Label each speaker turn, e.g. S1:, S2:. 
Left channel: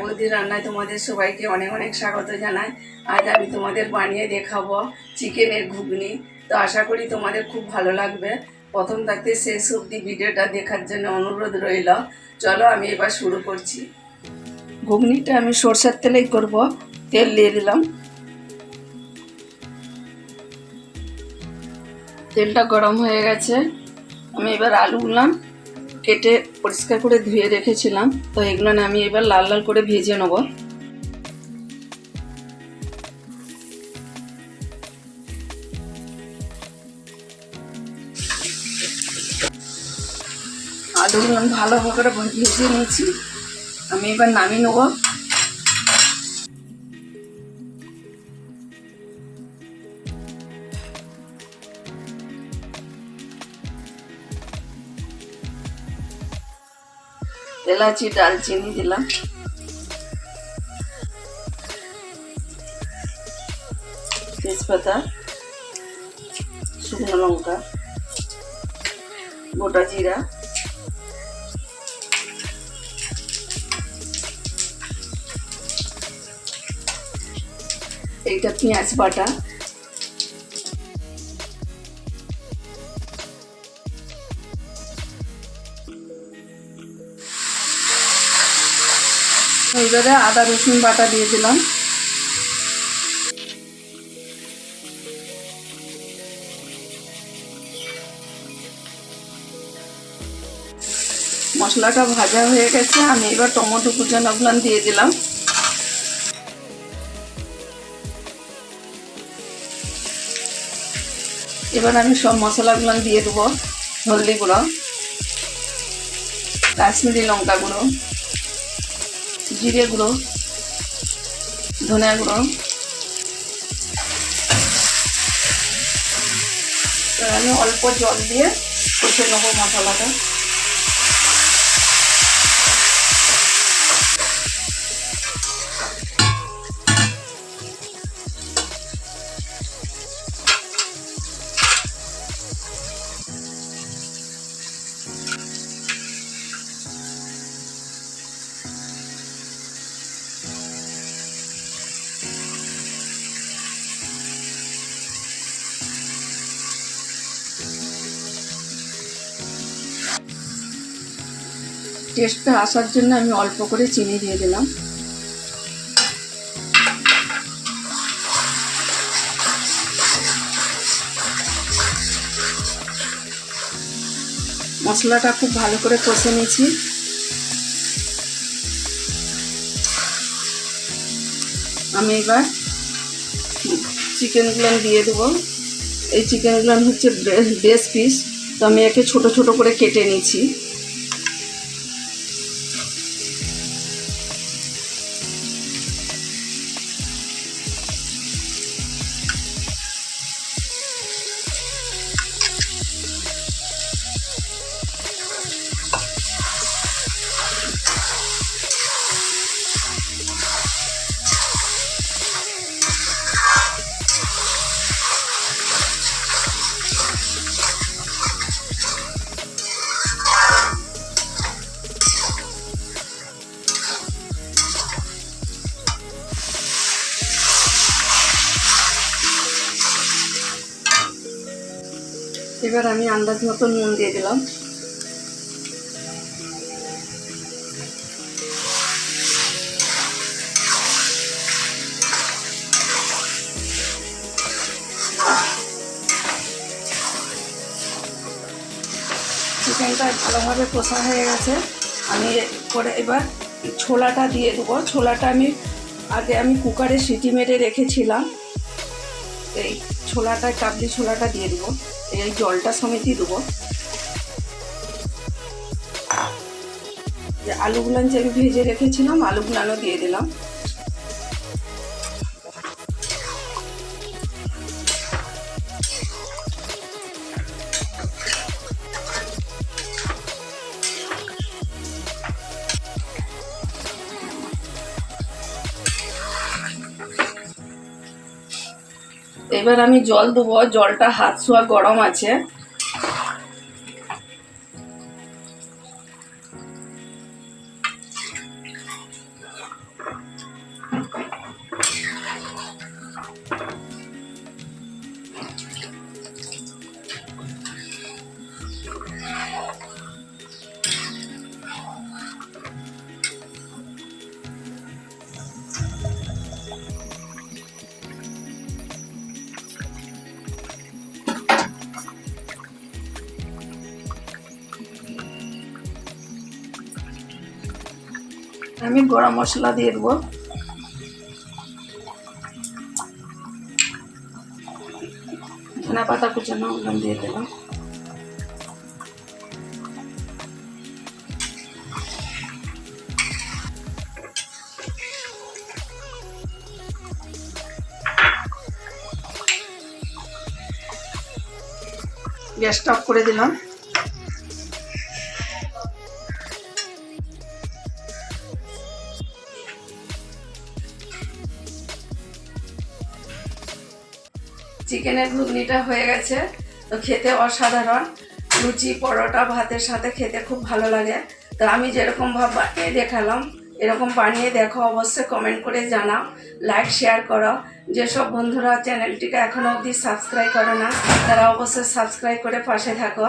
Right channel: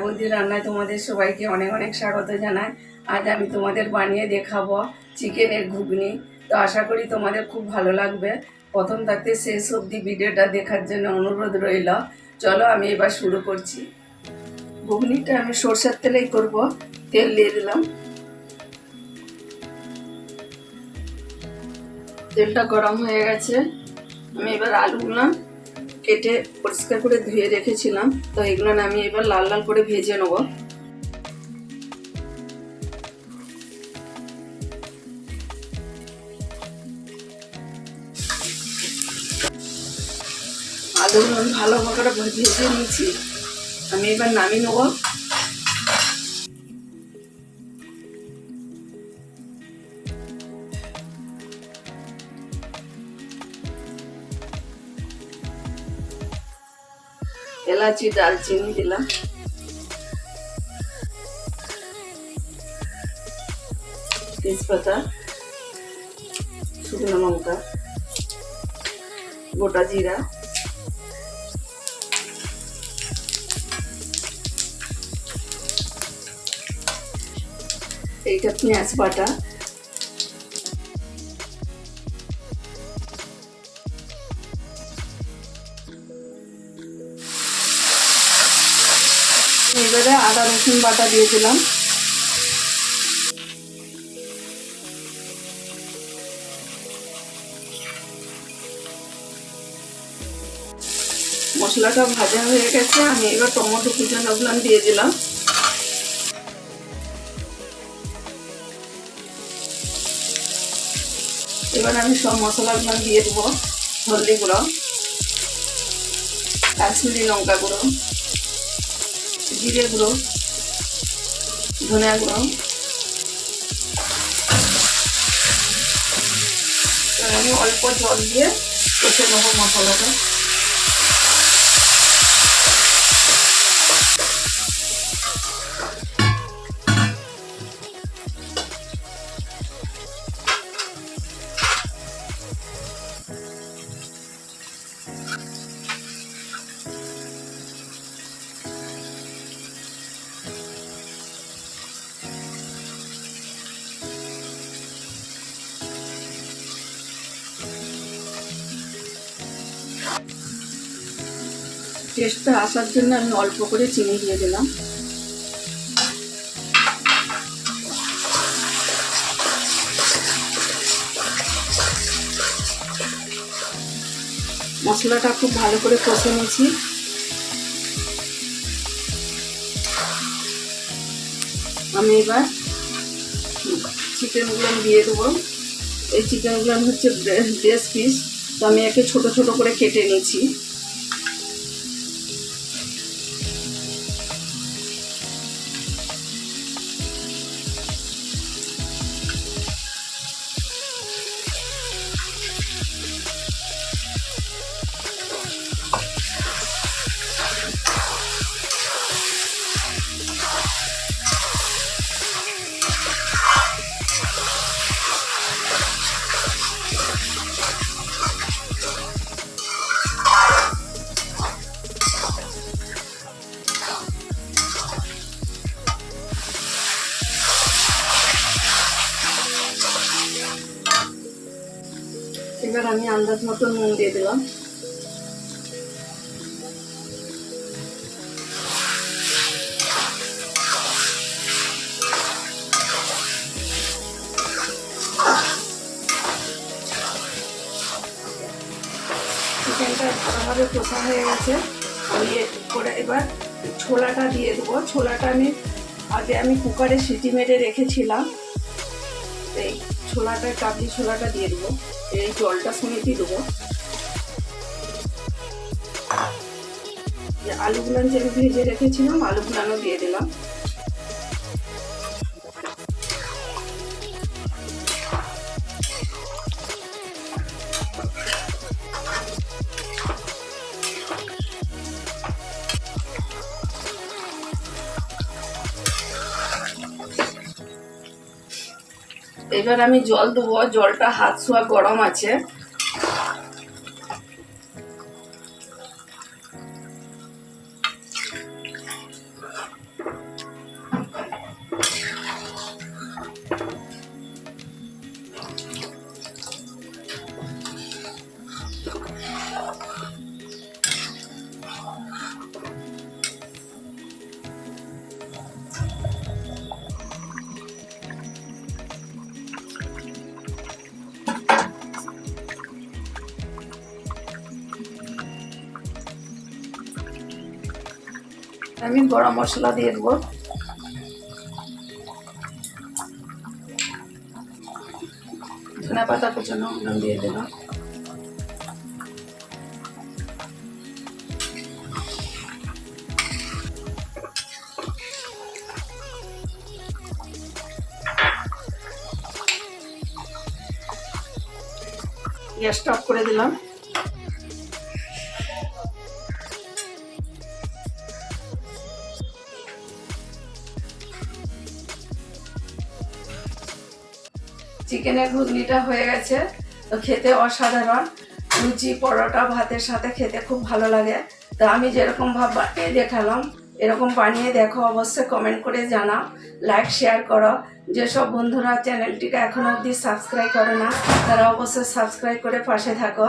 S1: বৌদি রান্নায় তোমাদের সবাইকে অনেক অনেক স্বাগত জানাই। আজ আমি তোমাদের বানিয়ে দেখাবো চিকেনের ঘুগনি। তো আশা করি তোমাদের খুব ভালো লাগবে। প্রথম থাকতে শেষ অবধি ভিডিওটা দেখার জন্য অনুরোধ রইল। চলো আমি এবার শুরু করছি। ঘুগনিটা আমি সর্ষের তেলেই করব। তেল দিয়ে দিলাম। তেলটা গরম হয়ে গেছে। আমি এবার আলুগুলো কেটে পরিষ্কার করে ধুয়ে রেখেছিলাম। তো এগুলো আমি এবার লাল লাল করে ভেজে নেব। আলুগুলো ভালো করে ভেজে নিয়েছি। আমি এবার নামিয়ে নেব। এলাচি দালচিনি দিলাম। তেজপাতা শুকনো লঙ্কা গোটা জিরা। এইটা পেঁয়াজ বাটা। এবারে আদা রসুন বাটা দিয়ে দিলাম। মশলাটা ভাজা হয়ে গেছে, আমি এবার টমেটো কুচানোগুলো দিয়ে দিলাম। এবার আমি সব মশলাগুলো দিয়ে দেবো হলদি গুঁড়ো, কাশ্মীরি লঙ্কা গুঁড়ো। জিরে গুঁড়ো ধনে গুঁড়ো আমি অল্প জল দিয়ে কষে নেব মশলাটা। টেস্টটা আসার জন্য আমি অল্প করে চিনি দিয়ে দিলাম। মশলাটা খুব ভালো করে কষে নিয়েছি। আমি এবার চিকেনগুলো দিয়ে দেবো। এই চিকেনগুলো হচ্ছে ব্রেস্ট পিস। তো আমি একে ছোট ছোট করে কেটে নিয়েছি। এবার আমি আন্দাজ মতো নুন দিয়ে দিলাম। চিকেনটা ভালোভাবে কষা হয়ে গেছে। আমি করে এবার ছোলাটা দিয়ে দেবো। ছোলাটা আমি আগে আমি কুকারে সিটি মেরে রেখেছিলাম। এই ছোলাটা কাবলি ছোলাটা দিয়ে দেবো এই জলটা সঙ্গে দিয়ে দেবো। আলু আলুগুলো যে আমি ভেজে রেখেছিলাম, আলুগুলো দিয়ে দিলাম। এবার আমি জল দেবো জলটা হাত শোয়া গরম আছে। আমি গরম মশলা দিয়ে দেবো। ধনে পাতা কুচানো ওগুলো দিয়ে দিলাম গ্যাসটা অফ করে দিলাম। চিকেনের ঘুগনিটা হয়ে গেছে। তো খেতে অসাধারণ। লুচি, পরোটা, ভাতের সাথে খেতে খুব ভালো লাগে। তো আমি যেরকম ভাব বানিয়ে দেখালাম, এরকম বানিয়ে দেখো, অবশ্যই কমেন্ট করে জানাও। লাইক শেয়ার করো। যেসব বন্ধুরা চ্যানেলটিকে এখনও অবধি সাবস্ক্রাইব করে না, তারা অবশ্যই সাবস্ক্রাইব করে পাশে থাকো।